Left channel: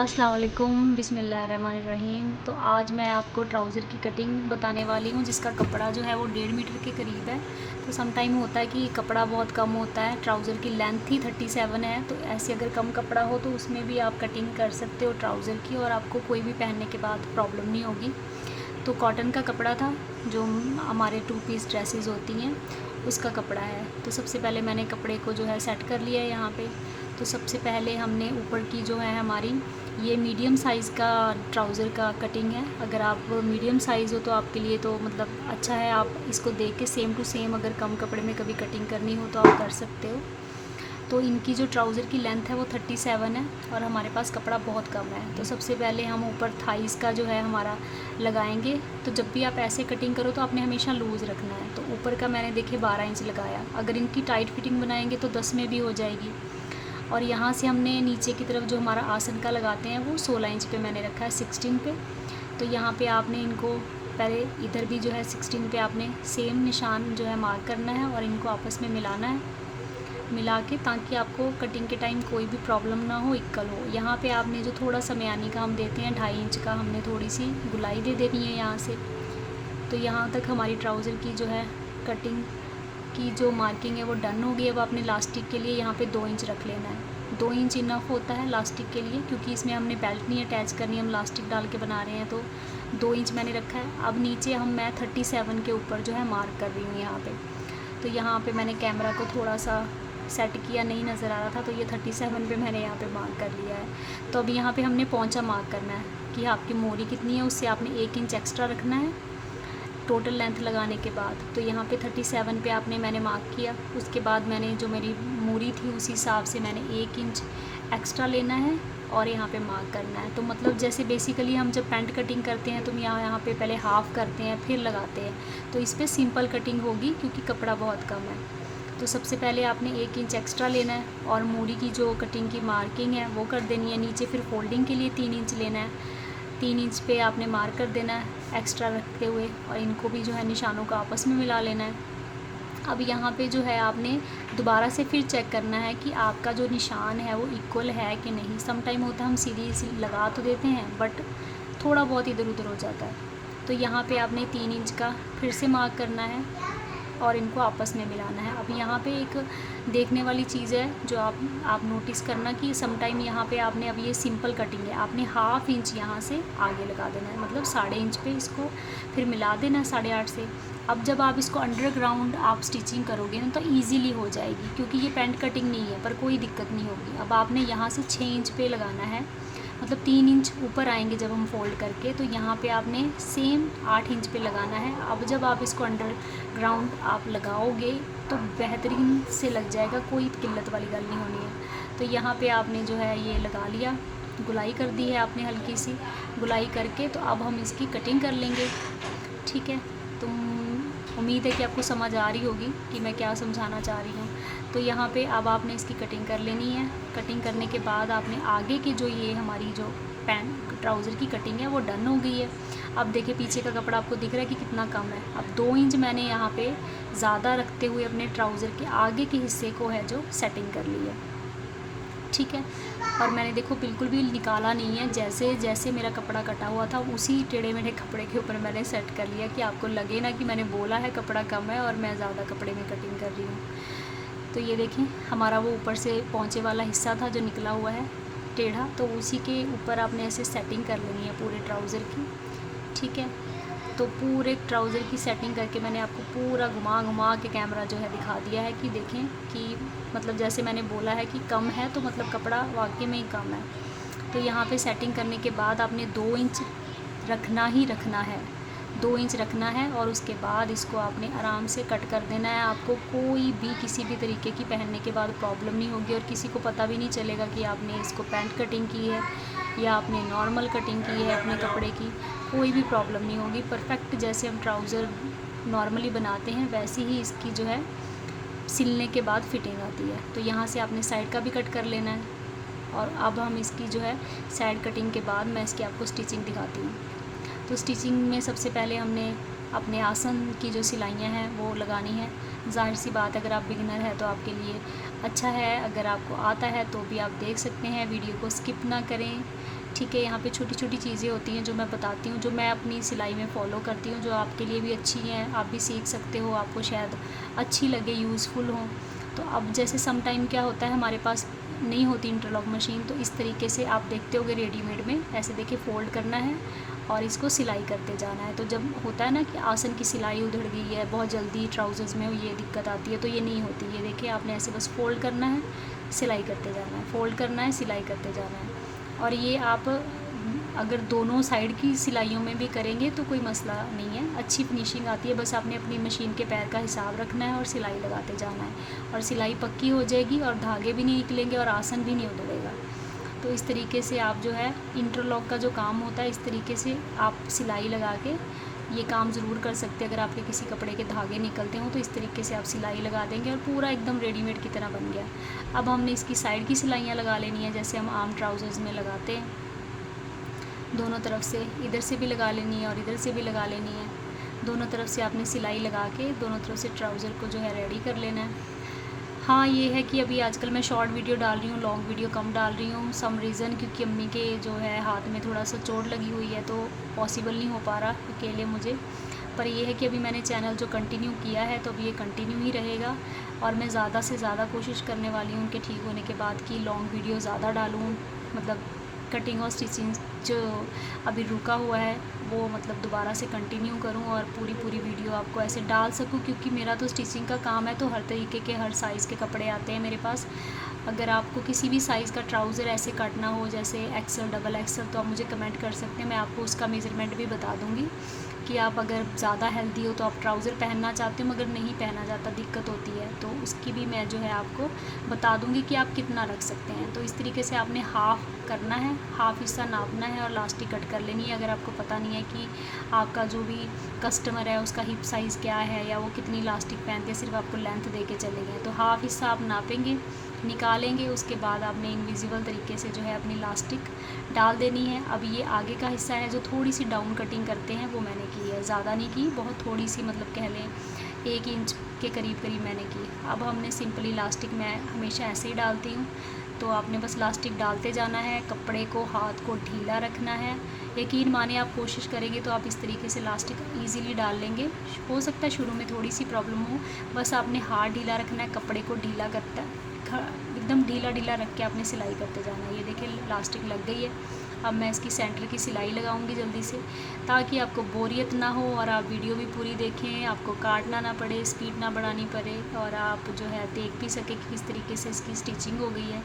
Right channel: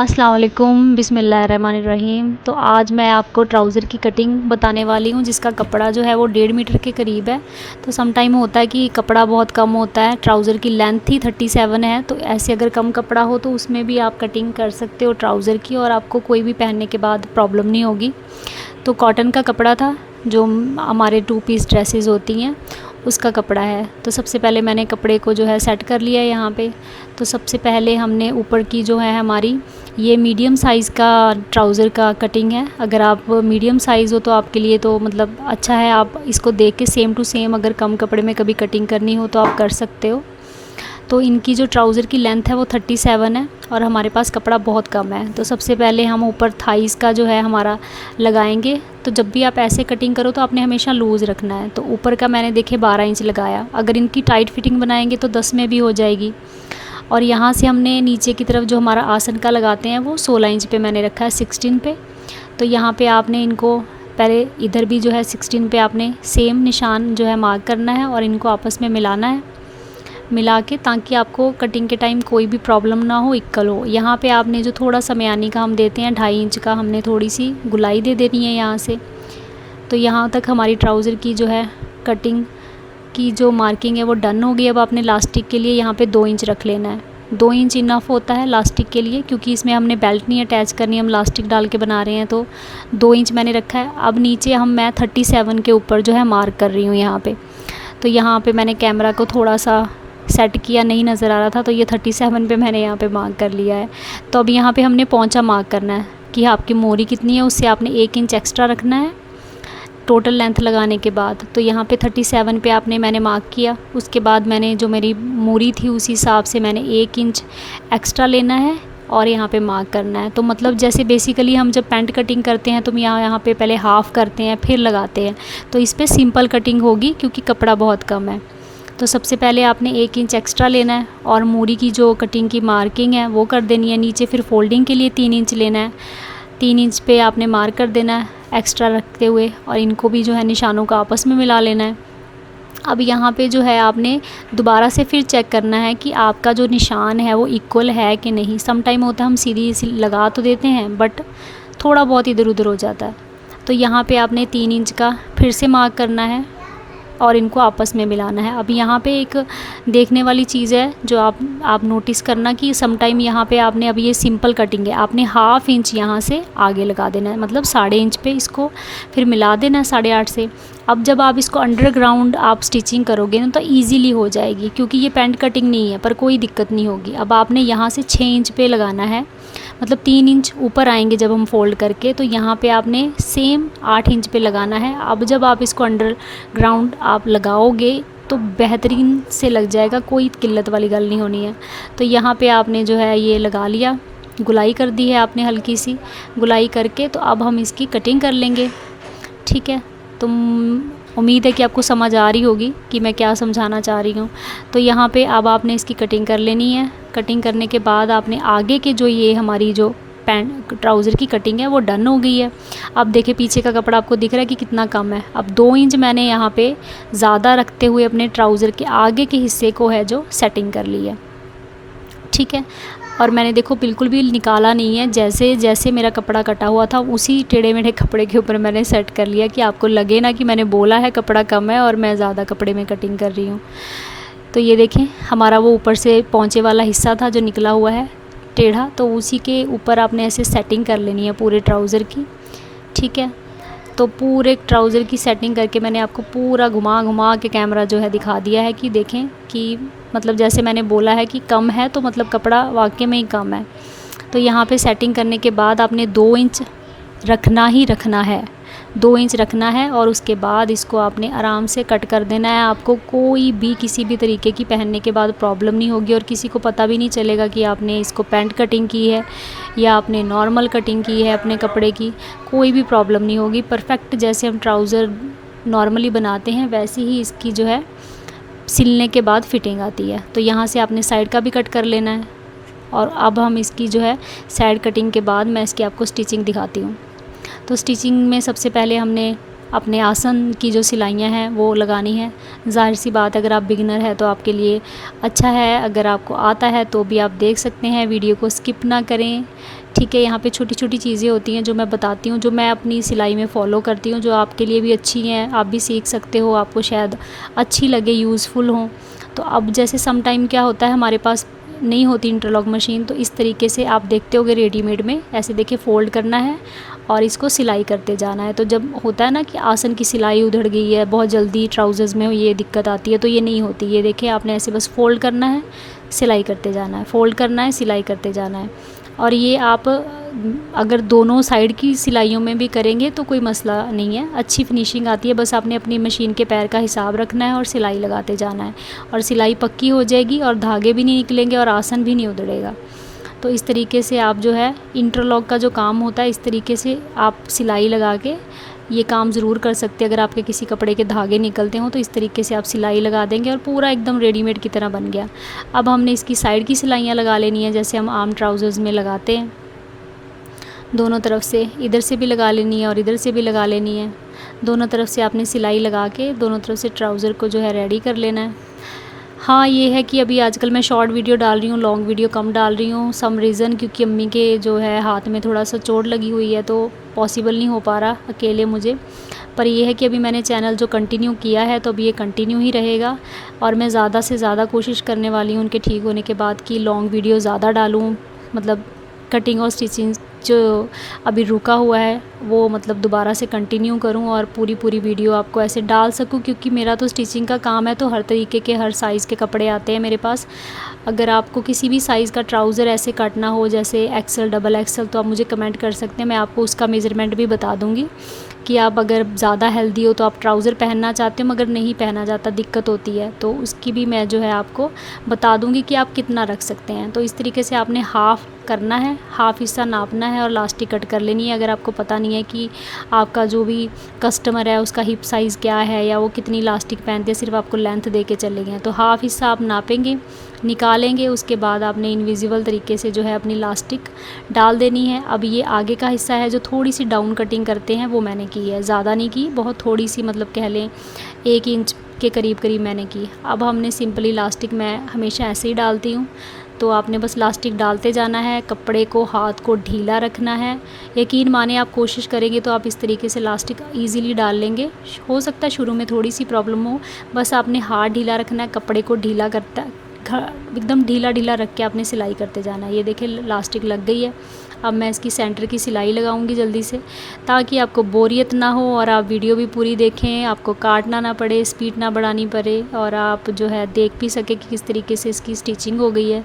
अस्सलाम वालेकुम, बिस्मिल्लाहिर्रहमानिर्रहीम। तो आज मैं आपको ट्राउज़र की कटिंग बताने वाली हूँ, जिसका कपड़ा जो है वो 1.5 मीटर के करीब है। तो सम टाइम होता है कि कपड़ा बहुत कम होता है, ट्राउज़र की लेंथ ही 37 है, तो ऐसे अगर कम कपड़ा हो तो उसमें भी आप कटिंग कर सकते हो ट्राउज़र की, और आपको कोई भी पहनने के बाद प्रॉब्लम नहीं होगी। तो कॉटन का कपड़ा था, जो हमारे 2 पीस ड्रेसेस होती हैं उसका कपड़ा है। तो सबसे पहले मैंने कपड़े को जो है सेट कर लिया है यहाँ पे। तो सबसे पहले हमने ऊपर की जो है हमारी ये मीडियम साइज़ का ट्राउज़र का कटिंग है। अगर आप मीडियम साइज़ हो तो आपके लिए तो मतलब अच्छा है, आप इसको देख के सेम टू सेम अगर कम कपड़े में कभी कटिंग करनी हो तो आप कर सकते हो। तो इनकी जो ट्राउज़र की लेंथ है वो 37 है और हमारे पास कपड़ा बहुत कम है। तो सबसे पहले हम ऊपर थाइस का जो है हमारा लगाएंगे। तो जब भी आप ऐसे कटिंग करो तो आपने हमेशा लूज़ रखना है। तो ऊपर का मैंने देखे 12 इंच लगाया, अगर इनकी टाइट फिटिंग बनाएंगे तो 10 में भी हो जाएगी। और यहाँ से हमने नीचे की तरफ जो हमारा आसन का लगाते हैं वो 16 इंच पे मैंने रखा है 16 पे। तो यहाँ पे आपने इनको पहले इधर भी जो है 16 पे आपने सेम निशान जो है मार्क करना है और इनको आपस में मिलाना है, मिला के, ताकि आपको कटिंग के टाइम कोई भी प्रॉब्लम ना हो, इक्वल हो। यहाँ पे आपने जो थोड़ा सा म्यानी का हम देते हैं 2.5 इंच का, हमने थोड़ी सी गुलाई दे देनी है यहाँ से। तो यहाँ तक हमारी ट्राउज़र की जो है कटिंग की जो मार्किंग है वो डन हो गई। अब आपने लास्टिक के लिए यहाँ पे 2 इंच रख लेना है। 2 इंच इनफ होता है लास्टिक के लिए, क्योंकि इसमें हमने बेल्ट नहीं अटैच करनी, हम लास्टिक डाल के बना रहे हैं। तो 2 इंच मैंने रखा है। अब नीचे मैं 37 के ऊपर जो है मार्क कर रही हूँ यहाँ पे। तो यहाँ पे मैंने कैमरा को थोड़ा सा सेट किया, नहीं नज़र आ रहा था, तो ये 37 पे मैंने यहाँ पे मार्क कर लिया है। तो अब यहाँ पे हमने पोंचा मार्क करना है कि आपकी मोरी कितनी है, उससे आपने 1 इंच एक्स्ट्रा रखना है टोटल लेंथ लगाने के बाद। तो यहाँ पे 37 पे आपने मैंने मार्क किया। उसके बाद मैंने जो मेरी मोरी थी उसी हिसाब से मैंने 1 इंच एक्स्ट्रा लेना है और यहाँ पे मार्क करना है। तो मतलब जैसे बेसिकली हम जब पैंट कटिंग करते हैं तो यहाँ पे पहले हाफ़ करते हैं फिर लगाते हैं, तो इस पर सिंपल कटिंग होगी क्योंकि कपड़ा बहुत कम है। तो सबसे पहले आपने 1 इंच एक्स्ट्रा लेना है और मोरी की जो कटिंग की मार्किंग है वो कर देनी है नीचे। फिर फोल्डिंग के लिए 3 इंच लेना है, 3 इंच पे आपने मार्क कर देना है एक्स्ट्रा रखते हुए, और इनको भी जो है निशानों का आपस में मिला लेना है। अब यहाँ पे जो है आपने दोबारा से फिर चेक करना है कि आपका जो निशान है वो इक्वल है कि नहीं। सम टाइम होता है हम सीधी लगा तो देते हैं बट थोड़ा बहुत इधर उधर हो जाता है। तो यहाँ पे आपने 3 इंच का फिर से मार्क करना है और इनको आपस में मिलाना है। अब यहाँ पे एक देखने वाली चीज़ है जो आप नोटिस करना कि सम टाइम यहाँ पे आपने, अब ये सिंपल कटिंग है, आपने 1/2 इंच यहाँ से आगे लगा देना है, मतलब 1/2 इंच पे इसको फिर मिला देना है 8.5 से। अब जब आप इसको अंडरग्राउंड आप स्टिचिंग करोगे ना तो ईज़िली हो जाएगी, क्योंकि ये पैंट कटिंग नहीं है, पर कोई दिक्कत नहीं होगी। अब आपने यहाँ से 6 इंच पे लगाना है, मतलब 3 इंच ऊपर आएंगे जब हम फोल्ड करके, तो यहाँ पे आपने सेम 8 इंच पे लगाना है। अब जब आप इसको अंडरग्राउंड आप लगाओगे तो बेहतरीन से लग जाएगा, कोई किल्लत वाली गल नहीं होनी है। तो यहाँ पे आपने जो है ये लगा लिया, गुलाई कर दी है आपने, हल्की सी गुलाई करके। तो अब हम इसकी कटिंग कर लेंगे, ठीक है। तो उम्मीद है कि आपको समझ आ रही होगी कि मैं क्या समझाना चाह रही हूँ। तो यहाँ पे अब आपने इसकी कटिंग कर लेनी है। कटिंग करने के बाद आपने आगे के जो ये हमारी जो पैंट ट्राउज़र की कटिंग है वो डन हो गई है। अब देखिए पीछे का कपड़ा आपको दिख रहा है कि कितना कम है। अब 2 इंच मैंने यहाँ पे ज़्यादा रखते हुए अपने ट्राउज़र के आगे के हिस्से को है जो सेटिंग कर ली है, ठीक है। और मैंने देखो बिल्कुल भी निकाला नहीं है, जैसे जैसे मेरा कपड़ा कटा हुआ था उसी टेढ़े मेढ़े कपड़े के ऊपर मैंने सेट कर लिया कि आपको लगे ना कि मैंने बोला है कपड़ा कम है और मैं ज़्यादा कपड़े में कटिंग कर रही हूँ। तो ये देखें हमारा वो ऊपर से पहुँचे वाला हिस्सा था जो निकला हुआ है टेढ़ा, तो उसी के ऊपर आपने ऐसे सेटिंग कर लेनी है पूरे ट्राउज़र की, ठीक है। तो पूरे ट्राउज़र की सेटिंग करके मैंने आपको पूरा घुमा घुमा के कैमरा जो है दिखा दिया है कि देखें कि मतलब जैसे मैंने बोला है कि कम है तो मतलब कपड़ा वाकई में ही कम है। तो यहाँ पे सेटिंग करने के बाद आपने 2 इंच रखना ही रखना है, 2 इंच रखना है, और उसके बाद इसको आपने आराम से कट कर देना है। आपको कोई भी किसी भी तरीके की पहनने के बाद प्रॉब्लम नहीं होगी और किसी को पता भी नहीं चलेगा कि आपने इसको पैंट कटिंग की है या आपने नॉर्मल कटिंग की है अपने कपड़े की, कोई भी प्रॉब्लम नहीं होगी। परफेक्ट जैसे हम ट्राउज़र नॉर्मली बनाते हैं वैसे ही इसकी जो है सिलने के बाद फिटिंग आती है। तो यहाँ से आपने साइड का भी कट कर लेना है। और अब हम इसकी जो है साइड कटिंग के बाद मैं इसकी आपको स्टिचिंग दिखाती हूँ। तो स्टिचिंग में सबसे पहले हमने अपने आसन की जो सिलाइयाँ हैं वो लगानी है। ज़ाहिर सी बात है, अगर आप बिगिनर है तो आपके लिए अच्छा है, अगर आपको आता है तो भी आप देख सकते हैं, वीडियो को स्किप ना करें। ठीक है, यहाँ पे छोटी छोटी चीज़ें होती हैं जो मैं बताती हूँ, जो मैं अपनी सिलाई में फ़ॉलो करती हूँ, जो आपके लिए भी अच्छी हैं, आप भी सीख सकते हो, आपको शायद अच्छी लगे, यूज़फुल हो। तो अब जैसे सम टाइम क्या होता है, हमारे पास नहीं होती इंटरलॉक मशीन, तो इस तरीके से आप देखते होगे रेडीमेड में, ऐसे देखिए फ़ोल्ड करना है और इसको सिलाई करते जाना है। तो जब होता है ना कि आसन की सिलाई उधड़ गई है, बहुत जल्दी ट्राउज़र्स में ये दिक्कत आती है, तो ये नहीं होती। ये देखिए, आपने ऐसे बस फ़ोल्ड करना है, सिलाई करते जाना है, फ़ोल्ड करना है, सिलाई करते जाना है। और ये आप अगर दोनों साइड की सिलाइयों में भी करेंगे तो कोई मसला नहीं है, अच्छी फिनिशिंग आती है। बस आपने अपनी मशीन के पैर का हिसाब रखना है और सिलाई लगाते जाना है, और सिलाई पक्की हो जाएगी और धागे भी नहीं निकलेंगे और आसन भी नहीं उधड़ेगा। तो इस तरीके से आप जो है इंटरलॉक का जो काम होता है, इस तरीके से आप सिलाई लगा के ये काम ज़रूर कर सकते हैं। अगर आपके किसी कपड़े के धागे निकलते हो तो इस तरीके से आप सिलाई लगा देंगे और पूरा एकदम रेडीमेड की तरह बन गया। अब हमने इसकी साइड की सिलाइयाँ लगा लेनी है, जैसे हम आम ट्राउज़र्स में लगाते हैं। दोनों तरफ से, इधर से भी लगा लेनी है और इधर से भी लगा लेनी है। दोनों तरफ से आपने सिलाई लगा के दोनों तरफ से ट्राउज़र को जो है रेडी कर लेना है। हाँ, ये है कि अभी आजकल मैं शॉर्ट वीडियो डाल रही हूँ, लॉन्ग वीडियो कम डाल रही हूँ, सम रीज़न क्योंकि अम्मी के जो है हाथ में थोड़ा सा चोट लगी हुई है, तो पॉसिबल नहीं हो पा रहा अकेले मुझे। पर ये है कि अभी मैंने चैनल जो कंटिन्यू किया है तो अभी ये कंटिन्यू ही रहेगा, और मैं ज़्यादा से ज़्यादा कोशिश करने वाली हूँ उनके ठीक होने के बाद कि लॉन्ग वीडियो ज़्यादा डालूँ, मतलब कटिंग और स्टिचिंग जो अभी रुका हुआ है वो मतलब दोबारा से कंटिन्यू करूं और पूरी वीडियो आपको ऐसे डाल सकूं, क्योंकि मेरा तो स्टिचिंग का काम है, तो हर तरीके के हर साइज़ के कपड़े आते हैं मेरे पास। अगर आपको किसी भी साइज़ का ट्राउज़र ऐसे काटना हो, जैसे एक्सल, डबल एक्सल, तो आप मुझे कमेंट कर सकते हैं, मैं आपको उसका मेज़रमेंट भी बता दूँगी कि आप अगर ज़्यादा हेल्दी हो तो आप ट्राउज़र पहनना चाहते हो मगर नहीं पहना जाता, दिक्कत होती है, तो उसकी भी मैं जो है आपको बता दूँगी कि आप कितना रख सकते हैं। तो इस तरीके से आपने हाफ़ करना है, हाफ़ हिस्सा नापना है और लास्टिक कट कर लेनी है। अगर आपको पता नहीं है कि आपका जो भी कस्टमर है उसका हिप साइज़ क्या है या वो कितनी लास्टिक पहनते हैं, सिर्फ आपको लेंथ दे के चलेंगे, तो हाफ़ हिस्सा आप नापेंगे, निकालेंगे, उसके बाद आपने इनविजिबल तरीके से जो है अपनी लास्टिक डाल देनी है। अब ये आगे का हिस्सा है जो थोड़ी सी डाउन कटिंग करते हैं वो मैंने की है, ज़्यादा नहीं की, बहुत थोड़ी सी, मतलब कह लें 1 इंच के करीब मैंने की। अब हमने सिंपली लास्टिक, मैं हमेशा ऐसे ही डालती हूँ, तो आपने बस लास्टिक डालते जाना है, कपड़े को, हाथ को ढीला रखना है। यकीन माने आप कोशिश करेंगे तो आप इस तरीके से लास्टिक ईज़िली डाल लेंगे। हो सकता है शुरू में थोड़ी सी प्रॉब्लम हो, बस आपने हाथ ढीला रखना है, कपड़े को ढीला करता एकदम ढीला रख के आपने सिलाई करते जाना है। ये देखिए लास्टिक लग गई है। अब मैं इसकी सेंटर की सिलाई लगाऊंगी जल्दी से, ताकि आपको बोरियत ना हो और आप वीडियो भी पूरी देखें, आपको काटना ना पड़े, स्पीड ना बढ़ानी पड़े, और आप जो है देख भी सके कि किस तरीके से इसकी स्टिचिंग हो गई है।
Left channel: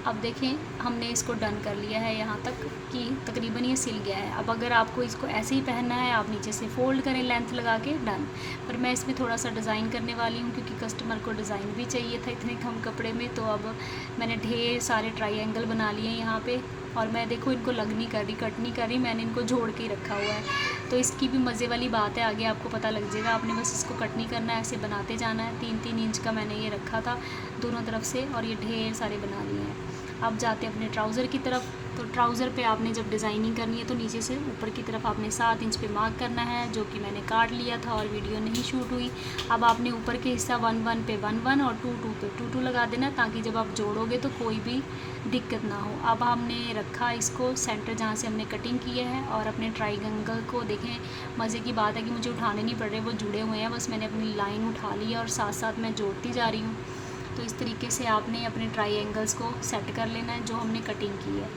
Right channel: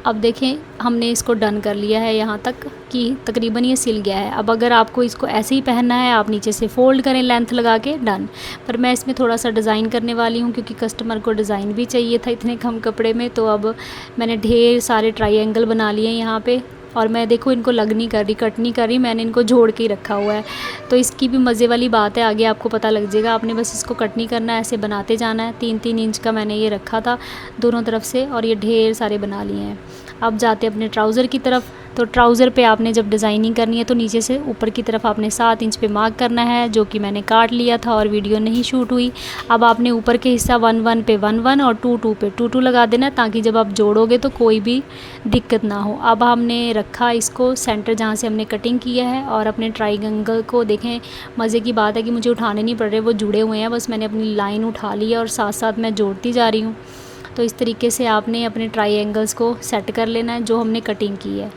अब देखें, हमने इसको डन कर लिया है यहाँ तक कि तकरीबन ये सिल गया है। अब अगर आपको इसको ऐसे ही पहनना है, आप नीचे से फ़ोल्ड करें लेंथ लगा के, डन। पर मैं इसमें थोड़ा सा डिज़ाइन करने वाली हूँ, क्योंकि कस्टमर को डिज़ाइन भी चाहिए था इतने कम कपड़े में। तो अब मैंने ढेर सारे ट्रायंगल बना लिए यहाँ पे, और मैं देखो इनको लग नहीं कर रही, कट नहीं कर रही, मैंने इनको जोड़ के ही रखा हुआ है। तो इसकी भी मज़े वाली बात है, आगे आपको पता लग जाएगा। आपने बस इसको कट नहीं करना है, ऐसे बनाते जाना है। 3-3 इंच का मैंने ये रखा था दोनों तरफ से, और ये ढेर सारे बना लिए हैं। अब जाते अपने ट्राउज़र की तरफ। तो ट्राउज़र पे आपने जब डिज़ाइनिंग करनी है तो नीचे से ऊपर की तरफ आपने 7 इंच पे मार्क करना है, जो कि मैंने काट लिया था और वीडियो नहीं शूट हुई। अब आपने ऊपर के हिस्सा 1-1 पे 1-1 और 2-2 पे 2-2 लगा देना, ताकि जब आप जोड़ोगे तो कोई भी दिक्कत ना हो। अब हमने रखा इसको सेंटर जहाँ से हमने कटिंग किया है, और अपने ट्रायंगल को देखें, मज़े की बात है कि मुझे उठाने नहीं पड़ रहे, वो जुड़े हुए हैं, बस मैंने अपनी लाइन उठा ली है और साथ साथ मैं जोड़ती जा रही हूँ। तो इस तरीके से आपने अपने ट्रायंगल्स को सेट कर लेना है जो हमने कटिंग की है।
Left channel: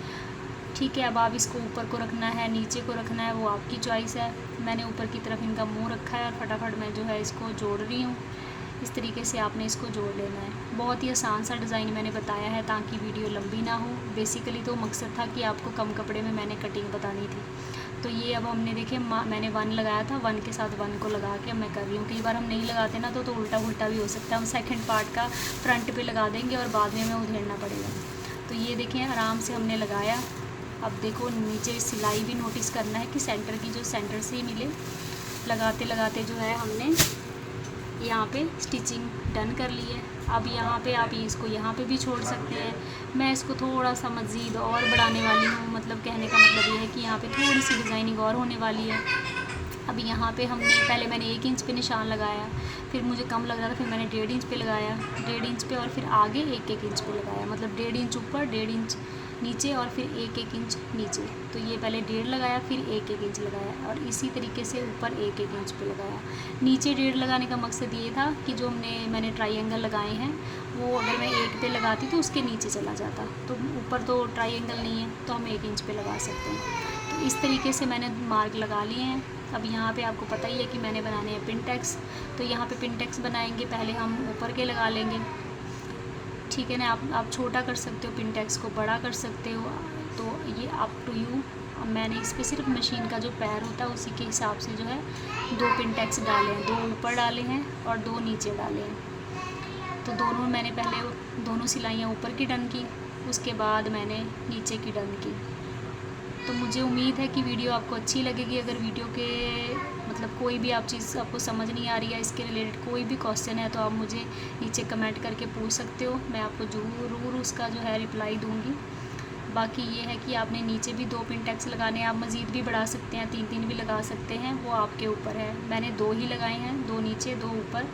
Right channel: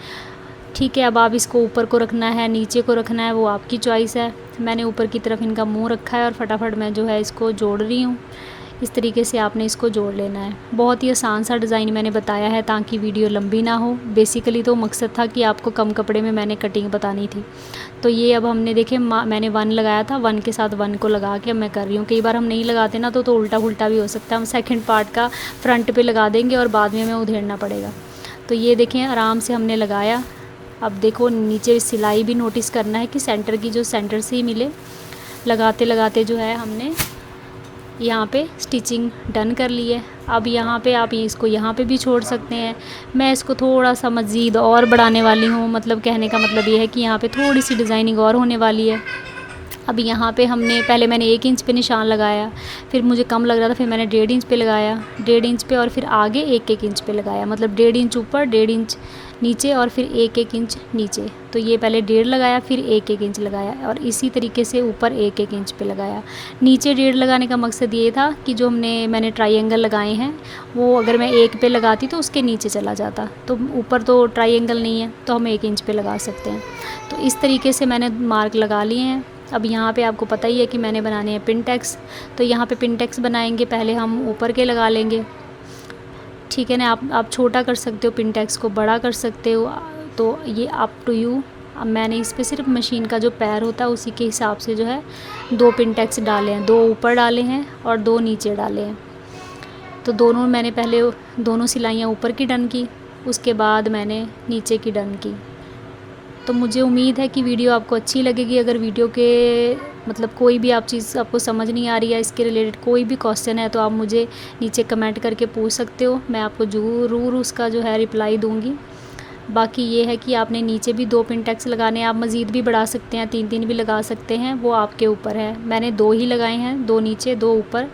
ठीक है, अब आप इसको ऊपर को रखना है, नीचे को रखना है, वो आपकी चॉइस है। मैंने ऊपर की तरफ इनका मुंह रखा है और फटाफट मैं जो है इसको जोड़ रही हूँ। इस तरीके से आपने इसको जोड़ लेना है। बहुत ही आसान सा डिज़ाइन मैंने बताया है ताकि वीडियो लंबी ना हो। बेसिकली तो मकसद था कि आपको कम कपड़े में मैंने कटिंग बतानी थी। तो ये अब हमने देखे, मैंने 1 लगाया था, 1 के साथ 1 को लगा के मैं कर रही हूँ। कई बार हम नहीं लगाते ना तो उल्टा पुल्टा भी हो सकता है। हम सेकंड पार्ट का फ्रंट पे लगा देंगे और बाद में हमें उधेड़ना पड़ेगा। तो ये देखें, आराम से हमने लगाया। अब देखो नीचे सिलाई भी नोटिस करना है कि सेंटर की जो सेंटर से ही मिले। लगाते लगाते जो है हमने यहाँ पे स्टिचिंग डन कर ली है। अब यहाँ पे आप इसको यहाँ पे भी छोड़ सकते हैं। मैं इसको थोड़ा सा मज़ीद और बढ़ाने वाली हूँ, मतलब कहने का मतलब ये है कि यहाँ पे थोड़ी सी डिज़ाइनिंग और होने वाली है। अब यहाँ पे हमने पहले मैंने 1 इंच पे निशान लगाया, फिर मुझे कम लग रहा था, फिर मैंने 1.5 इंच पे लगाया, 1.5 इंच पे, और फिर आगे 1-1 इंच पे लगाया, मतलब 1.5 इंच ऊपर, 1.5 इंच नीचे, और फिर 1-1 इंच नीचे। तो ये पहले 1.5 लगाया, फिर 1-1 इंच लगाया, और इसी तरीके से ऊपर 1-1 इंच पे लगाया। नीचे 1.5 लगाने का मकसद ये था कि जो मैंने ट्रायंगल लगाए हैं वो अगर मैं 1 पे लगाती तो उसके नीचे चला जाता, तो ऊपर तो ट्रायंगल नहीं है तो हम 1 इंच पे लगा सकते हैं। तो इस तरीके से मैंने मार्क लगा लिए हैं। अब यहाँ पे आपको पता ही है कि मैंने बनाने हैं पिन टैक्स, तो यहाँ पे पिन टैक्स बनाएंगे, पहले हम ऊपर के लगा लेंगे, ठीक है ना। आप छोटा कर सकते हो, पिन टैक्स को बड़ा कर सकते हो, तो ये अप टू यू। अब मैंने इस पर सिर्फ मशीन का जो पैर होता है उसी के हिसाब से जो है 2 पिन टैक्स डाले हैं, 2 ऊपर डाले हैं और 2 नीचे डाले हैं। तो दोनों मैंने पहले दोनों सिलाइयाँ ऊपर की डन की, उसके बाद मैंने नीचे की डन की। तो मुझे उम्मीद है कि वीडियो आपको अच्छी लगेगी। अगर वीडियो के मतलब कोई भी आप चीज़ आपको समझ नहीं आ रही है, इसके रिलेटेड कोई भी क्वेश्चन है, तो आप मुझे नीचे कमेंट करके पूछ सकते हो, मैं आपको ज़रूर उसका जो है रिप्लाई दूँगी। बाकी ये है कि आपने नीचे भी 2 पिन टैक्स लगाने हैं, आप मज़ीद भी बढ़ा सकते हैं, 3-3 भी लगा सकते हैं, वो आपके ऊपर है। मैंने 2 ही लगाए हैं, 2 नीचे 2 ऊपर,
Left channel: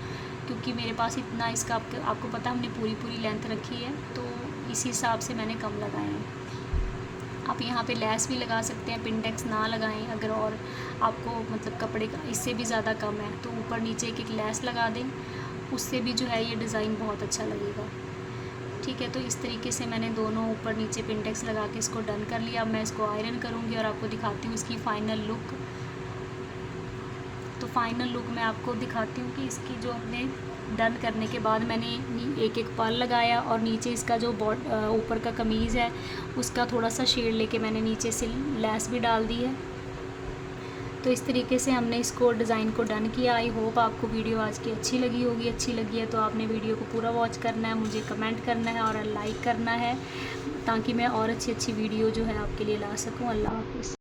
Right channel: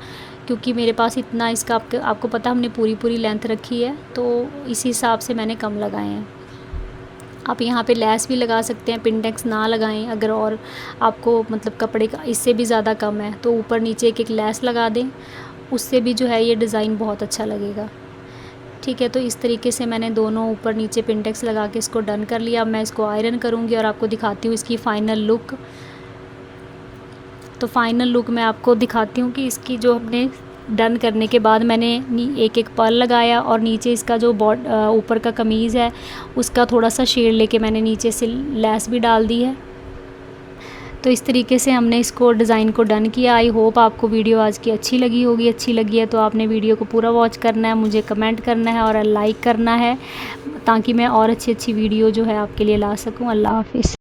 क्योंकि मेरे पास इतना इसका आपको पता हमने पूरी लेंथ रखी है, तो इसी हिसाब से मैंने कम लगाए हैं। आप यहाँ पे लेस भी लगा सकते हैं, पिन टैक्स ना लगाएं अगर, और आपको मतलब कपड़े का इससे भी ज़्यादा कम है तो ऊपर नीचे एक लेस लगा दें, उससे भी जो है ये डिज़ाइन बहुत अच्छा लगेगा, ठीक है। तो इस तरीके से मैंने दोनों ऊपर नीचे पिन टैक्स लगा के इसको डन कर लिया। अब मैं इसको आयरन करूँगी और आपको दिखाती हूँ इसकी फ़ाइनल लुक। तो फ़ाइनल लुक मैं आपको दिखाती हूँ कि इसकी जो हमने डन करने के बाद मैंने एक पर्ल लगाया, और नीचे इसका जो ऊपर का कमीज़ है उसका थोड़ा सा शेड लेके मैंने नीचे से लेस भी डाल दी है। तो इस तरीके से हमने इसको डिज़ाइन को डन किया। आई होप आपको वीडियो आज की अच्छी लगी होगी। अच्छी लगी है तो आपने वीडियो को पूरा वॉच करना है, मुझे कमेंट करना है और लाइक करना है, ताकि मैं और अच्छी वीडियो जो है आपके लिए ला सकूँ। अल्लाह हाफ़िज़।